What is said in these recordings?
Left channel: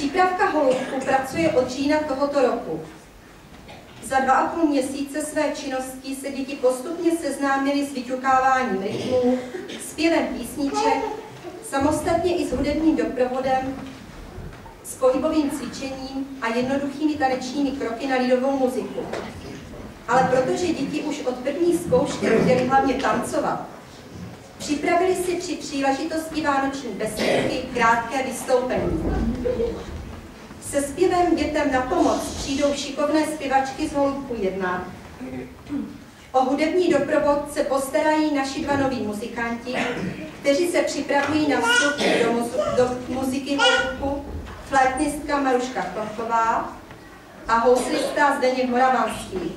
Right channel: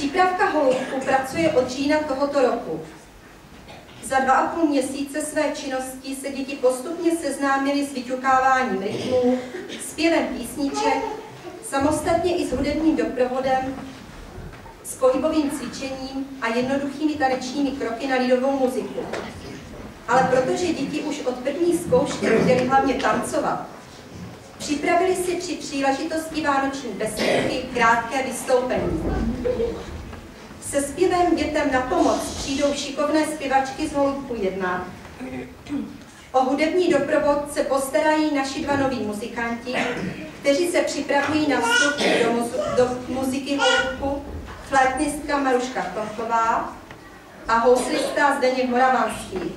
Přípravka Holoubku pracuje od října tohoto roku. Za 2,5 měsíce své činnosti se děti postupně seznámily s vyťukáváním rytmů, zpěvem písniček, samostatně i s hudebním doprovodem, s pohybovým cvičením a jednoduchými tanečními kroky na lidovou muziku. Ale protože děti už od první zkoušky chtěly hlavně tancovat, připravili si při příležitosti vánoční besídky krátké vystoupení. Se zpěvem dětem na pomoc přijdou šikovné zpěvačky z Holoubku 1. O hudební doprovod se postarají naši 2 noví muzikanti, kteří se připravují na vstup do muziky Holoubku, flétnistka Maruška Tomková a houslista Zdeněk Moravanský.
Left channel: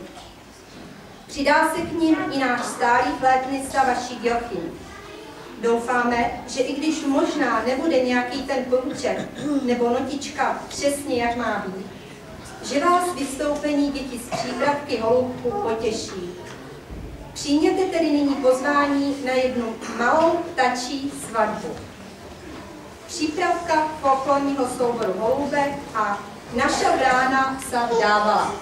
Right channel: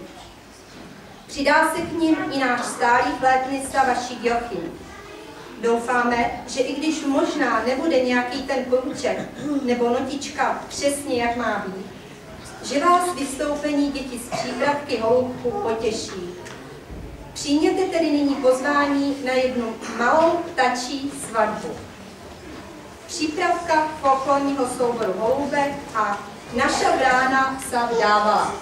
Přidá se k nim i náš stálý flétnista Vašík Jochim. Doufáme, že i když možná nebude nějaký ten průček nebo notička přesně jak má být, že vás vystoupení děti z přípravky Holoubku potěší. Přijměte tedy nyní pozvání na jednu malou ptačí svatbu. Přípravka folklorního souboru Holoubek a Naša brána sa vdávala.